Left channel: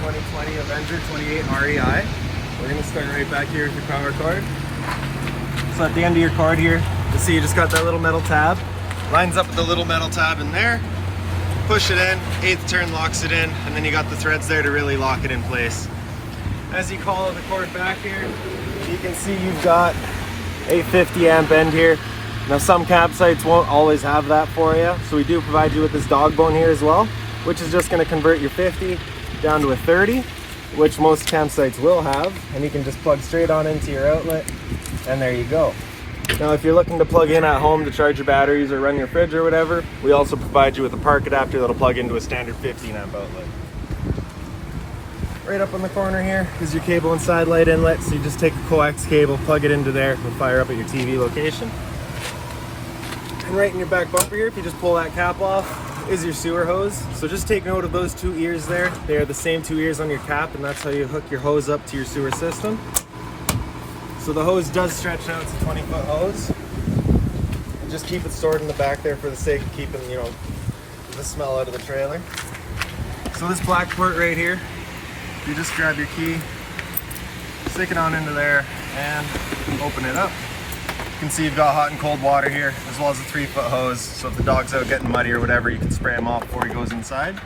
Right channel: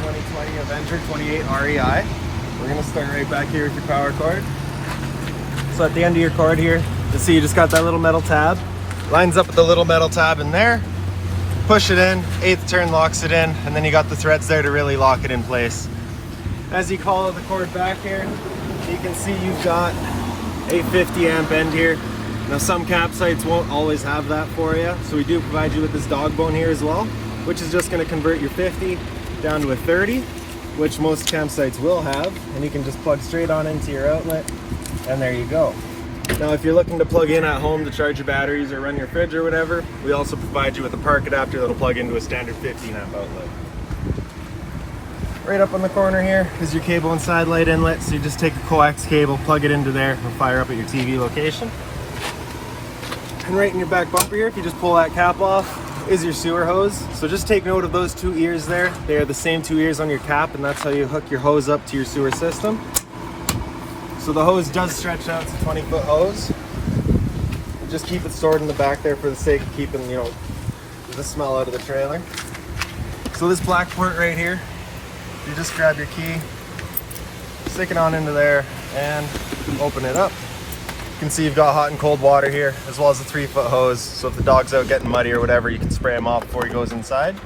2020 Avenger 28 REI. We're going to start right back here with your power cord. So at the end of your cord here, you'll see you just got that little metal tab. Lines up with the little metal tab in there. Push it in, 8th turn locks it in, and then you got the threads there to really lock it in place. As you follow the cord back here, you can see you've got 850 amp end here. Now some campsites won't always have that for you, so we do provide you with this dog bone here as well, which is just going to convert your 50 down to a 30, which most campsites will have, and you can just plug straight on into your outlet, and there you go. Now if you're looking to plug in at home to charge your batteries or run your fridge or whatever, we also provide you with a park adapter that'll plug into a standard 15 amp outlet. Right up on the corner here is your cable and satellite inlet, so you just take a coax cable, plug it into there, and fire up at your TV location. And right in your back bumper here, if you just pull that cap off, is your sewer hose. So just take note of those 2 ears there. They are the same 2 ears on your cap, and that's how you hook your hose up to your sewer system. So the hose does stretch out. It's a 20-foot hose. Just keep it stored in the back there for the sake of keeping, the smell out of the trailer. So this black port right here, you just grab your key, stick it on into there, and open it up. You can see you've got hot and cold water here, as well as a 3-foot hose, so if the dog's out getting muddy or whatever, you can spray him off before he goes inside.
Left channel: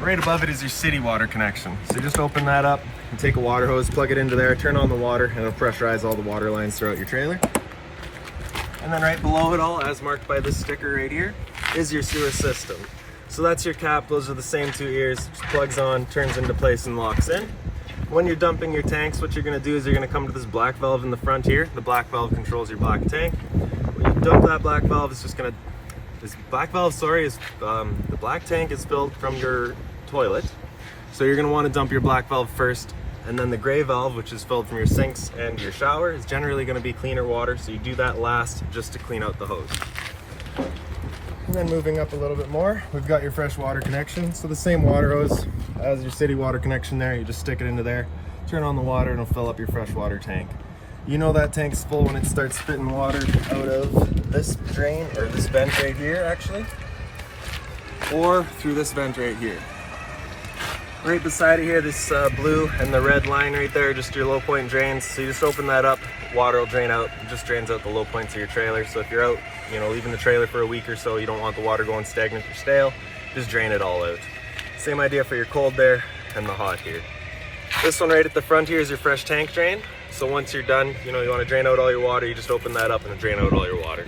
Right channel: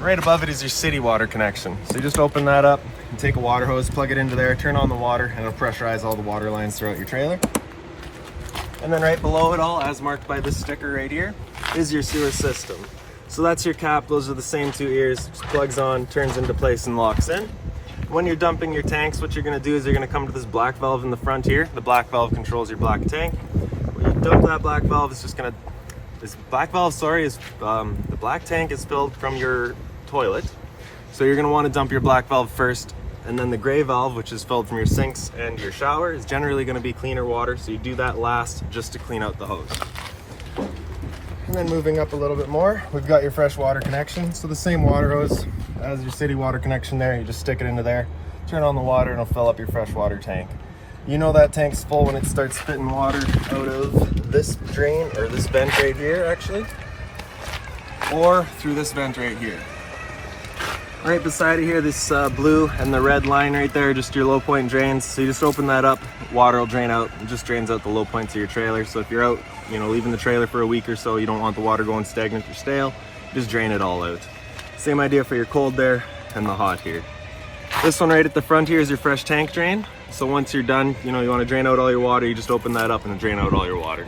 Right above it is your city water connection. So you just open that up and take a water hose, plug it into there, turn on the water, and it'll pressurize all the water lines throughout your trailer. And then right below it all, as marked by this sticker right here, is your sewer system. So that's your cap. Those are the same 2 ears. Just plugs on, turns into place, and locks in. When you're dumping your tanks, what you're going to do is you're going to come to this black valve in the front here. The black valve controls your black tank. When you dump that black valve, it's just going to... the black tank is filled from your toilet. So you're going to want to dump your black valve first, and then the gray valve, which is filled from your sinks and your shower, is generally going to be cleaner water, so you do that last just to clean out the hose. And then moving up a little bit more, we've got your fresh water connection. So the same water hose as your city water connection there, you just stick it into there, turn on the water, and it'll fill up your fresh water tank. You know that tank's full when it starts spitting water out of this drain, or this vent right here actually, or through this vent right here. Right beside it here, this blue and the red line right there, just your low point drains. So you just open that up, water will drain out. It just drains out the low points of your trailer. So if you're out, leaving the trailer for a week or so, you don't want the water going stagnant or stale, just drain it all out. Same idea for your cold there and the hot here. This one right at the front here is your fresh tank drain. So once you're done, you want to drain out all your water, you just open that up and it'll drain out all your water.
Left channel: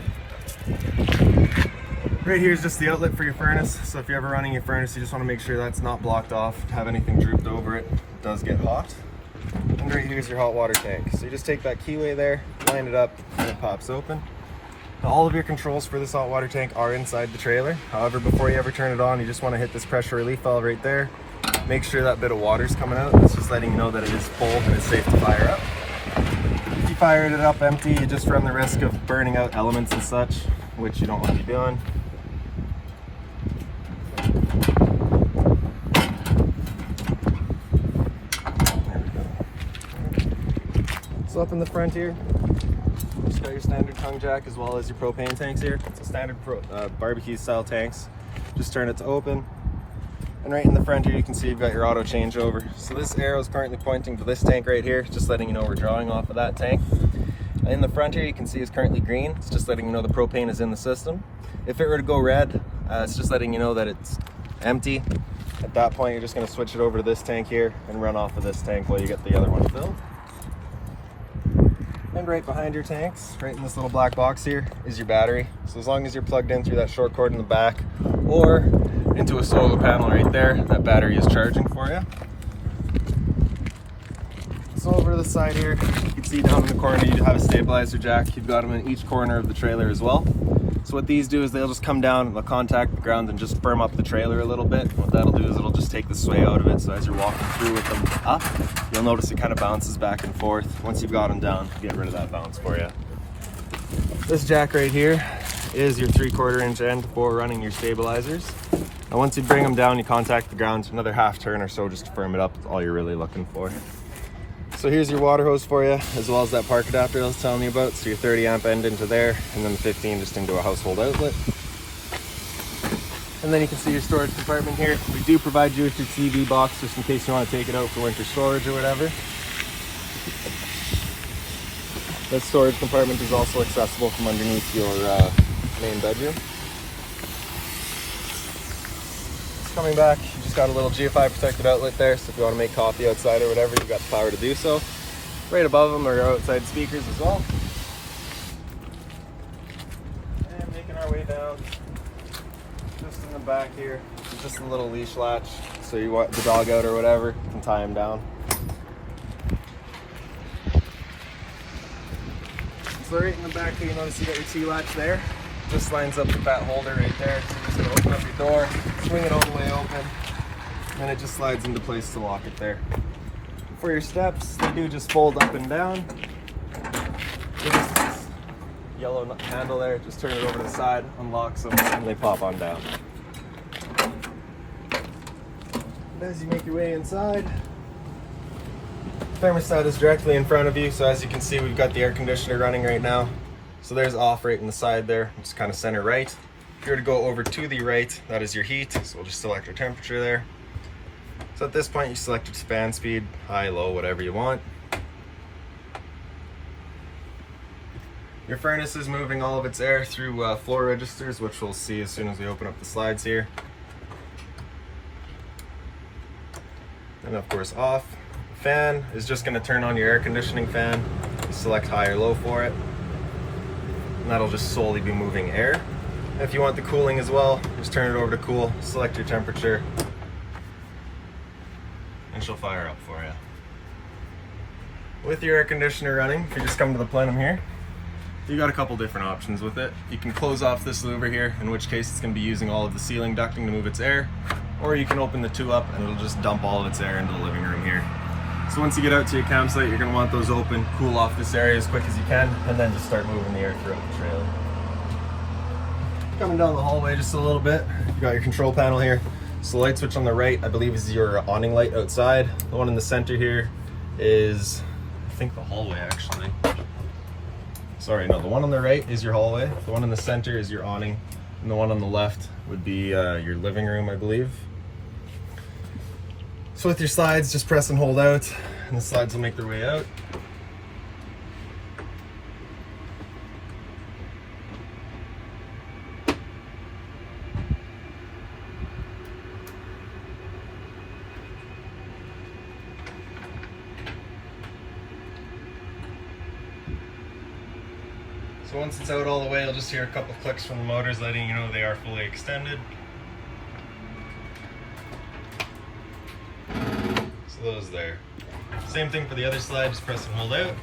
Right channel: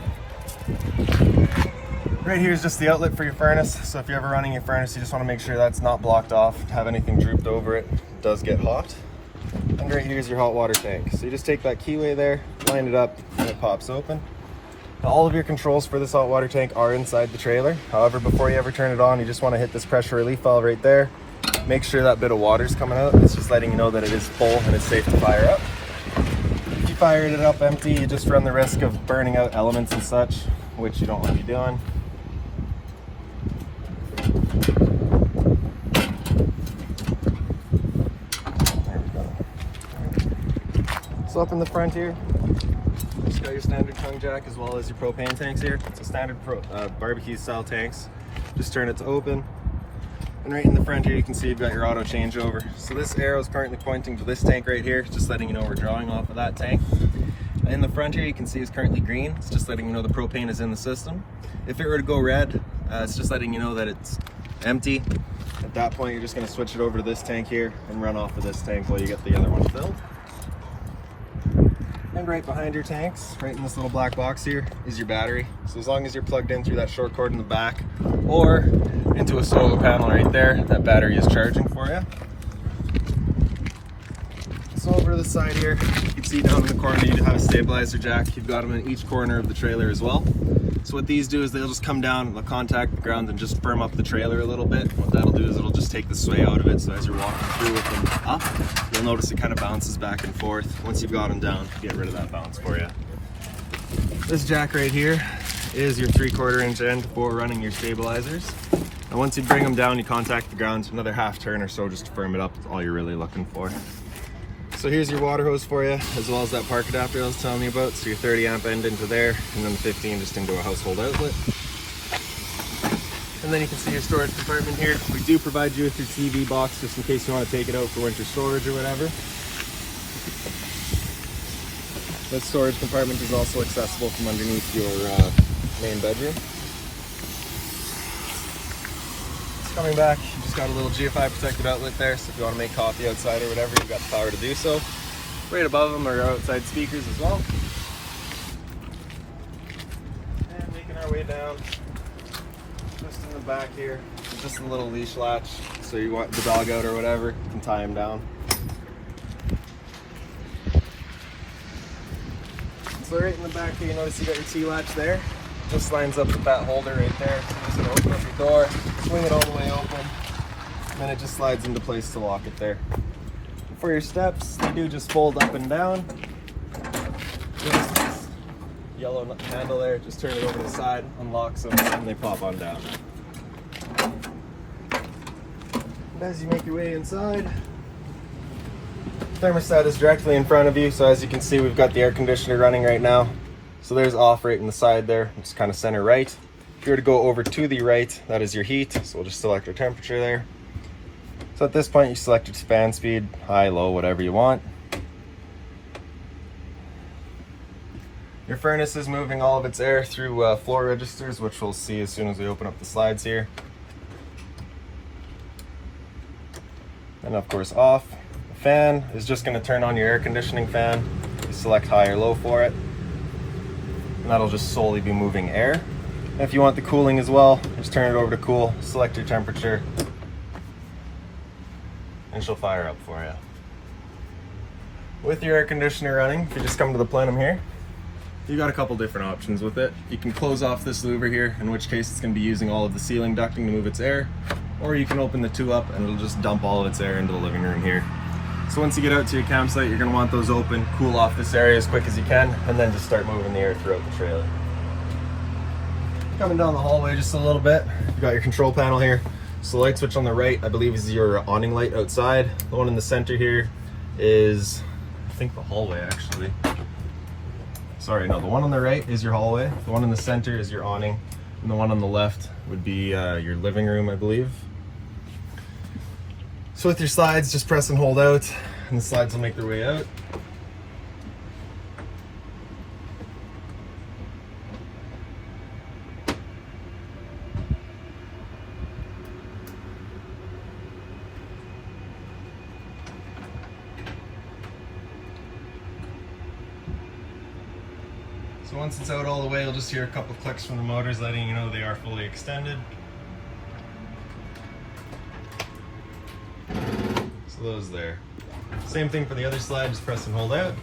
Right here is just the outlet for your furnace. So if you're ever running your furnace, you just want to make sure that's not blocked off, have anything drooped over it. It does get hot. And right here is your hot water tank. So you just take that keyway there, line it up, and it pops open. Now, all of your controls for this hot water tank are inside the trailer. However, before you ever turn it on, you just want to hit this pressure relief valve right there. Make sure that bit of water's coming out. It's just letting you know that it is full and it's safe to fire up. If you fire it up empty, you just run the risk of burning out elements and such, which you don't want to be doing. So up in the front here, just got your standard tongue jack as well as your propane tanks here. It's a standard barbecue style tanks. Just turn it to open. And right in the front here, you can see you've got your auto changeover. So this arrow is currently pointing to this tank right here, just letting you know we're drawing off of that tank. In the front here, you can see it's currently green. It's just letting you know the propane is in the system. If it were to go red, it's just letting you know that it's empty. At that point, you're just going to switch it over to this tank here and run off of this tank while you get the other one filled. And right behind your tanks, right in this little black box here, is your battery. So as long as you're plugged in through that short cord in the back or into a solar panel right there, that battery is charging for you. So over to the side here, you can see down in the corner you have a stabilizer jack. You've got them in each corner of the trailer as well. So what these do is they'll just come down, they'll contact the ground and just firm up the trailer a little bit. What that'll do is it'll just take the sway out of it, so as you're walking through with them up, you'll notice it kind of bounces back and forth. Once you've got them down, get rid of that bounce for you. This jack right here is your 3/4 inch end for running your stabilizers. And once you bring them down, you contact the ground another half turn or so just to firm it up. That's all you're really looking for. So here's your water hose for you, as well as that park adapter I was telling you about. So your 30 amp end into there, and then the 15 just into a household outlet. And then you can see your storage compartment here. We do provide you with your TV box just in case you want to take it out for winter storage or whatever. This storage compartment is also accessible from underneath your main bedroom. Coming back, you just got a little GFI protected outlet there, so if you want to make coffee outside or whatever, you got the power to do so. Right above them are outside speakers as well. And making our way down, just in the back here, there's just a little leash latch, so you want the dog out or whatever, you can tie him down. So right in the back here, you notice you got your T-latch there. Just lines up with that holder right there. So you're just gonna open up your door, swing it all the way open, and then it just slides into place to lock it there. For your steps, they do just fold up and down. There's this yellow handle there, just turn it over to the side, unlocks them, and they pop on down. And as you make your way inside, thermostat is directly in front of you, so as you can see, we've got the air conditioner running right now. So there's off right in the side there, just kind of center right. If you were to go over to the right, that is your heat, so we'll just select our temperature there. So at this point, you select your fan speed, high, low, whatever you want. Your furnace is moving all of its air through floor registers, which we'll see as soon as we open up the slides here. And of course off. The fan is just going to turn on your air conditioning fan. You select high or low for it. And that'll just solely be moving air. And if you want the cooling as well, just turn it over to cool, select your temperature, and she'll fire up for you. With your air conditioner running, if you just come to the plenum here, you got a couple different options with it. You can close off this louver here, in which case it's going to be using all of the ceiling ducting to move its air, or you can open the two up and it'll just dump all of its air into the living room here. So once you get out to your campsite, you're going to want those open, cool off this area as quick as you can, and then just start moving the air throughout the trailer. Coming down the hallway just a little bit, you got your control panel here. So the light switch on the right, I believe, is your awning light outside. The one in the center here is, I think, the hallway actually. Sorry, no, the one on the right is your hallway. The one in the center is your awning. And the one on the left would be your living room, I believe. So with your slides, just press and hold out, and the slides will make their way out. So once it's out all the way, you'll just hear a couple of clicks from the motors letting you know they are fully extended. So those there. Same thing for the other slide, just press and hold out.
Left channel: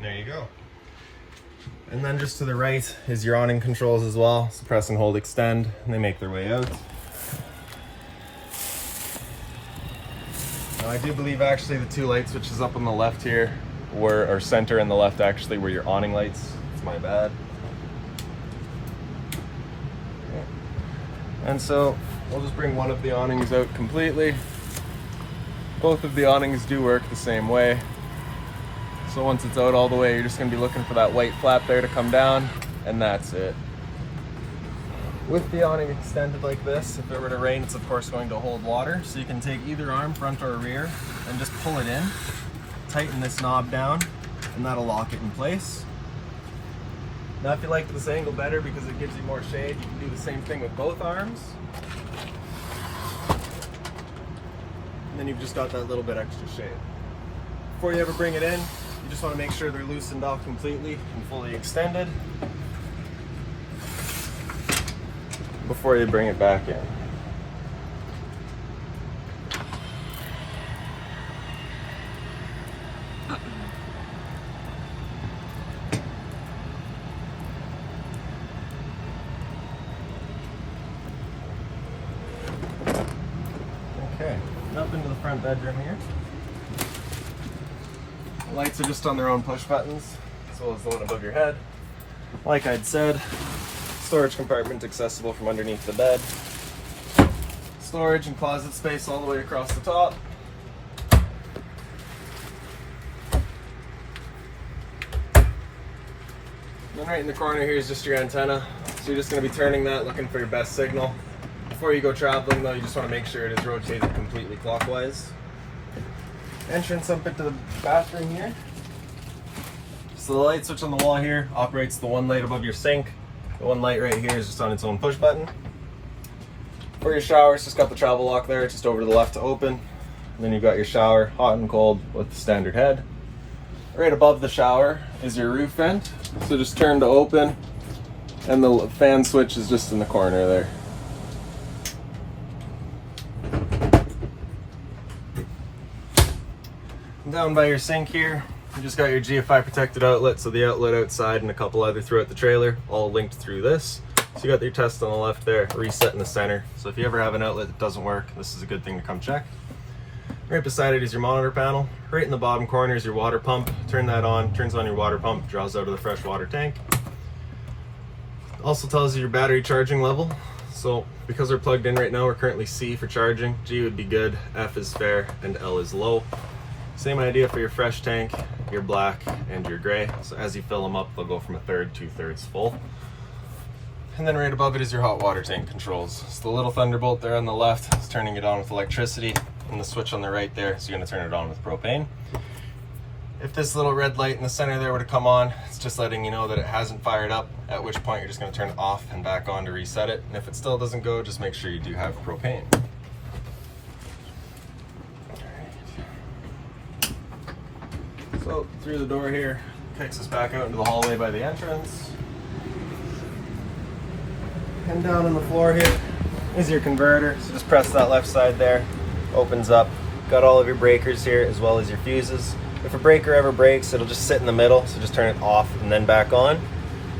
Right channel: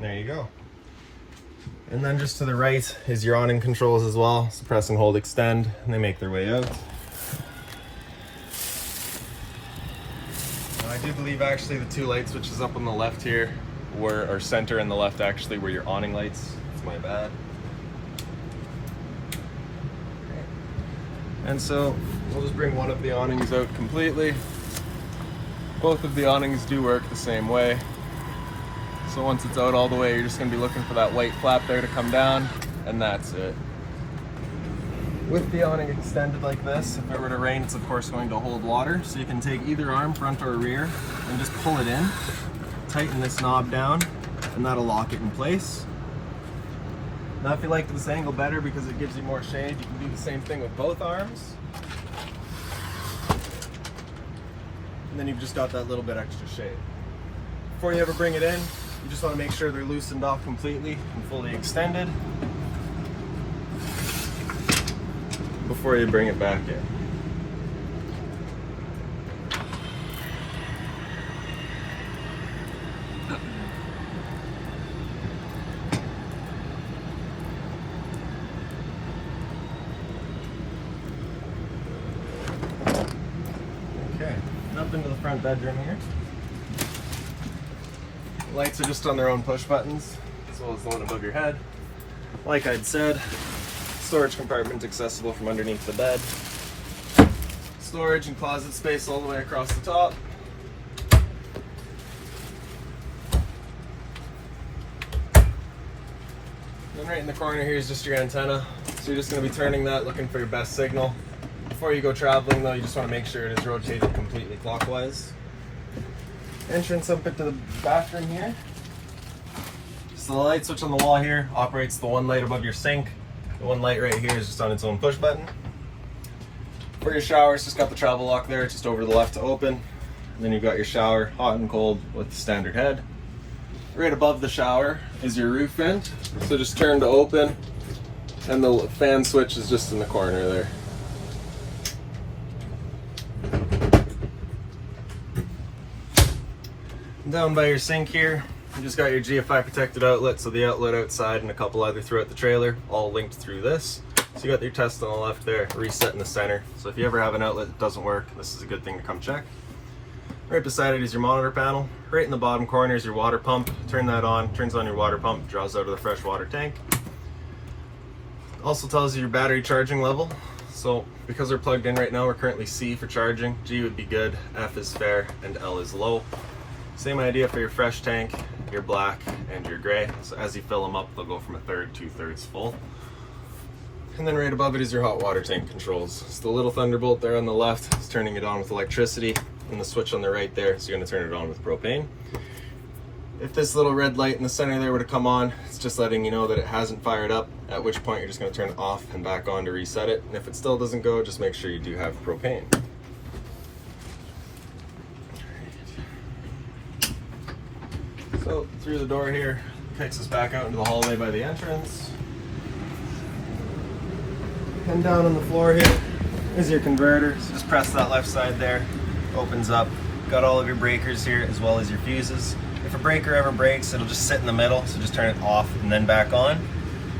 There you go. And then just to the right is your awning controls as well. So press and hold extend, and they make their way out. I do believe actually the two light switches up on the left here or center and the left actually were your awning lights. It's my bad. And so we'll just bring one of the awnings out completely. Both of the awnings do work the same way. So once it's out all the way, you're just gonna be looking for that white flap there to come down, and that's it. With the awning extended like this, if it were to rain, it's of course going to hold water. So you can take either arm, front or rear, and just pull it in, tighten this knob down, and that'll lock it in place. Now if you like this angle better because it gives you more shade, you can do the same thing with both arms. And then you've just got that little bit extra shade. Before you ever bring it in, you just want to make sure they're loosened off completely and fully extended before you bring it back in. Okay, up into the front bedroom here. The lights are just on their own push buttons, as well as the one above your head. Like I'd said, storage compartment accessible from underneath the bed. Storage and closet space all the way across the top. And right in the corner here is just your antenna. So you're just going to be turning that, looking for your best signal. Before you go traveling though, you just want to make sure it is rotated completely clockwise. Entrance up into the bathroom here. So the light switch on the wall here operates the one light above your sink. The one light right here is just on its own push button. For your shower, it's just got the travel lock there, just over to the left to open. And then you've got your shower, hot and cold with the standard head. Right above the shower is your roof vent. So just turn to open, and the fan switch is just in the corner there. Down by your sink here, you just got your GFI protected outlet, so the outlet outside and a couple other throughout the trailer, all linked through this. So you got your test on the left there, reset in the center. So if you ever have an outlet that doesn't work, this is a good thing to come check. Right beside it is your monitor panel. Right in the bottom corner is your water pump. Turn that on, turns on your water pump, draws out of the fresh water tank. Also tells you your battery charging level. So because we're plugged in right now, we're currently C for charging, G would be good, F is fair, and L is low. Same idea for your fresh tank, your black, and your gray. So as you fill them up, they'll go from 1/3 to 2/3 full. And then right above it is your hot water tank controls. So the little thunderbolt there on the left is turning it on with electricity, and the switch on the right there, so you're gonna turn it on with propane. If this little red light in the center there were to come on, it's just letting you know that it hasn't fired up, at which point you're just gonna turn it off and back on to reset it. And if it still doesn't go, just make sure you do have propane. So through the door here, takes us back out into the hallway by the entrance. And down on the floor here is your converter. So just press that left side there, opens up. Got all of your breakers here as well as your fuses. If a breaker ever breaks, it'll just sit in the middle, so just turn it off and then back on.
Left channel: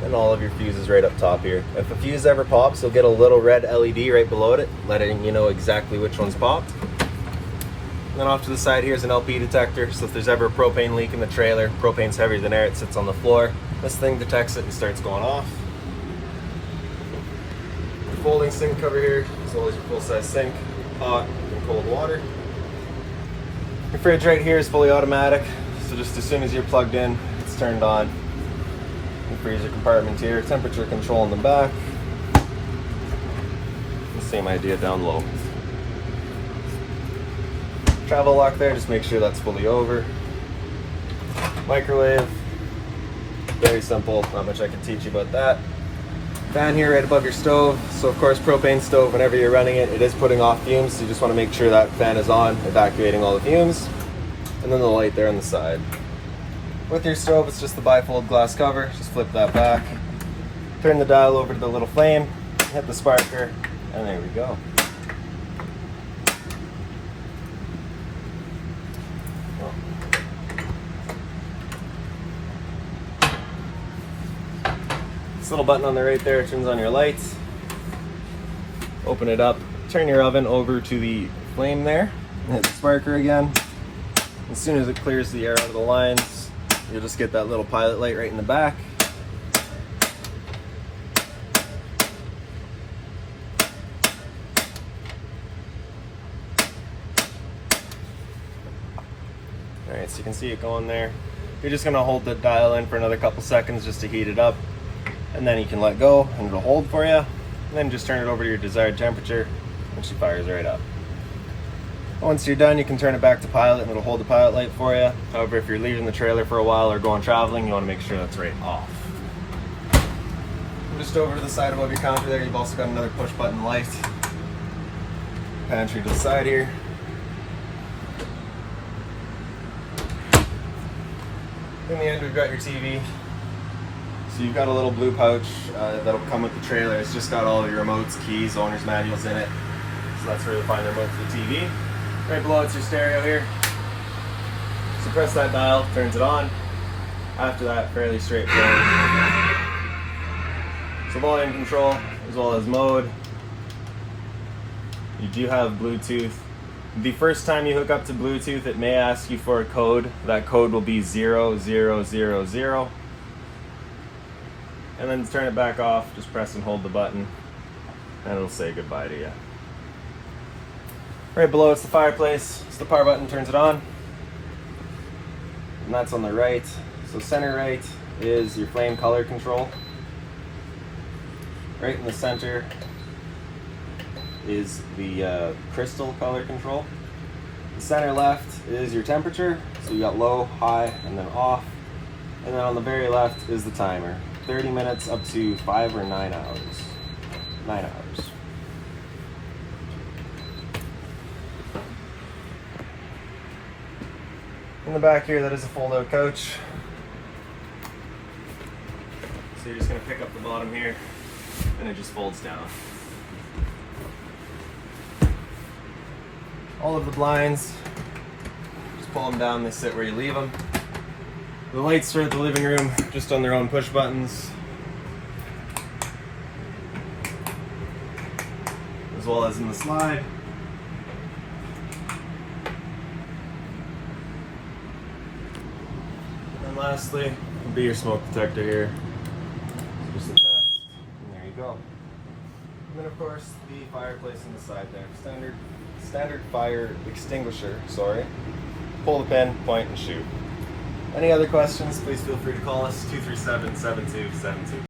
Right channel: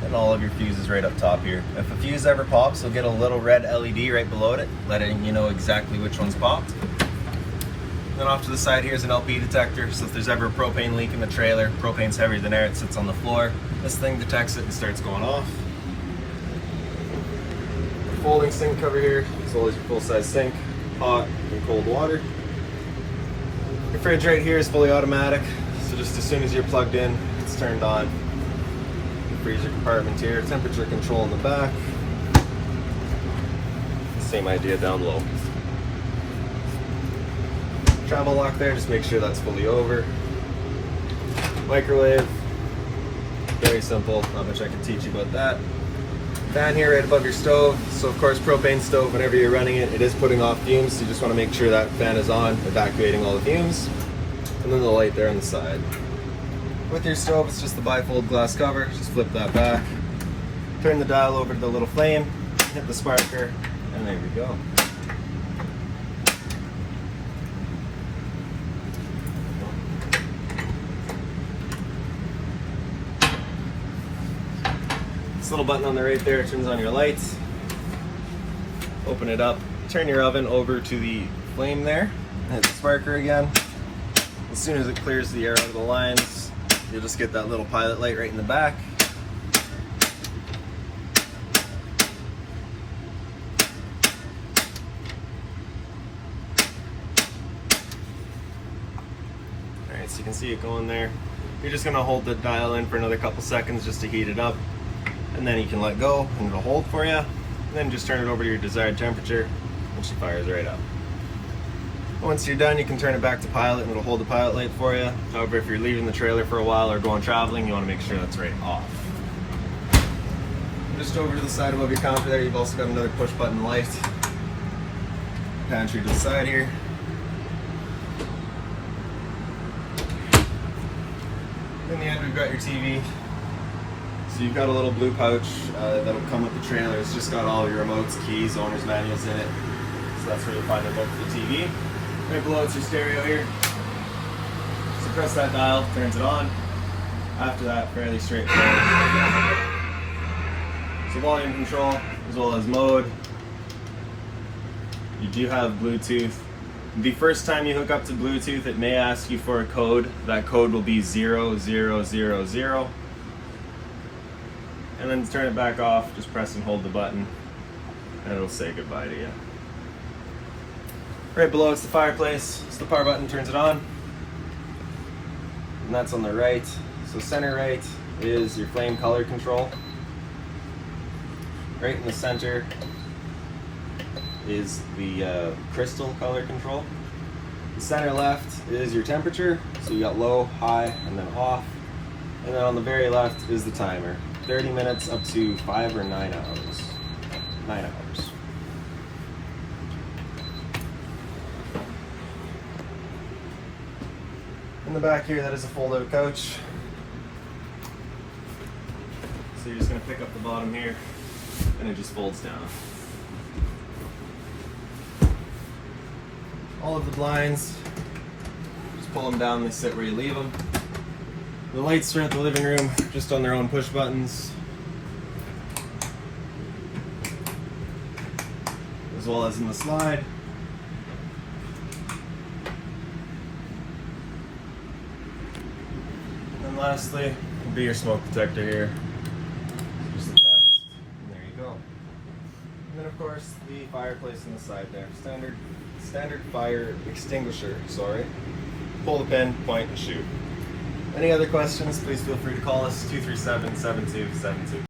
And all of your fuses right up top here. If a fuse ever pops, you'll get a little red LED right below it, letting you know exactly which one's popped. Then off to the side here is an LP detector, so if there's ever a propane leak in the trailer, propane's heavier than air, it sits on the floor. This thing detects it and starts going off. Your folding sink cover here is always your full-size sink, hot and cold water. Your fridge right here is fully automatic, so just as soon as you're plugged in, it's turned on. Your freezer compartment here, temperature control in the back. Same idea down low. Travel lock there, just make sure that's fully over. Microwave, very simple, not much I can teach you about that. Fan here right above your stove. So of course, propane stove, whenever you're running it, it is putting off fumes, so you just want to make sure that fan is on, evacuating all the fumes. And then the light there on the side. With your stove, it's just the bifold glass cover, just flip that back. Turn the dial over to the little flame, hit the sparker, and there we go. This little button on the right there turns on your lights. Open it up, turn your oven over to the flame there, and hit the sparker again. As soon as it clears the air out of the lines, you'll just get that little pilot light right in the back. Alright, so you can see it going there. You're just going to hold the dial in for another couple seconds just to heat it up. And then you can let go and it'll hold for you. And then just turn it over to your desired temperature and she fires right up. Once you're done, you can turn it back to pilot and it'll hold the pilot light for you. However, if you're leaving the trailer for a while or going traveling, you want to make sure that's right off. Just over to the side above your counter there, you've also got another push button light. Pantry to the side here. In the end, we've got your TV. So you've got a little blue pouch that'll come with the trailer. It's just got all your remotes, keys, owner's manuals in it. So that's where you'll find the remote for the TV. Right below it's your stereo here. So press that dial, turns it on. After that, fairly straightforward. So volume control as well as mode. You do have Bluetooth. The first time you hook up to Bluetooth, it may ask you for a code. That code will be 0000. and then to turn it back off, just press and hold the button, and it'll say goodbye to you. Right below it's the fireplace, so the power button turns it on, and that's on the right. So center right is your flame color control. Right in the center is the crystal color control. The center left is your temperature, so you got low, high, and then off. And then on the very left is the timer. 30 minutes up to 5 or 9 hours. 9 hours. In the back here, that is a fold-out couch. So you're just going to pick up the bottom here, and it just folds down. All of the blinds, just pull them down, they sit where you leave them. The lights throughout the living room, just on their own push buttons. As well as in the slide. And lastly, will be your smoke detector here. Just a test, and there you go. And then of course, the fireplace on the side there. Standard fire extinguisher, sorry. Pull the pin, point, and shoot. Any other questions, please feel free to call us, 237-7272.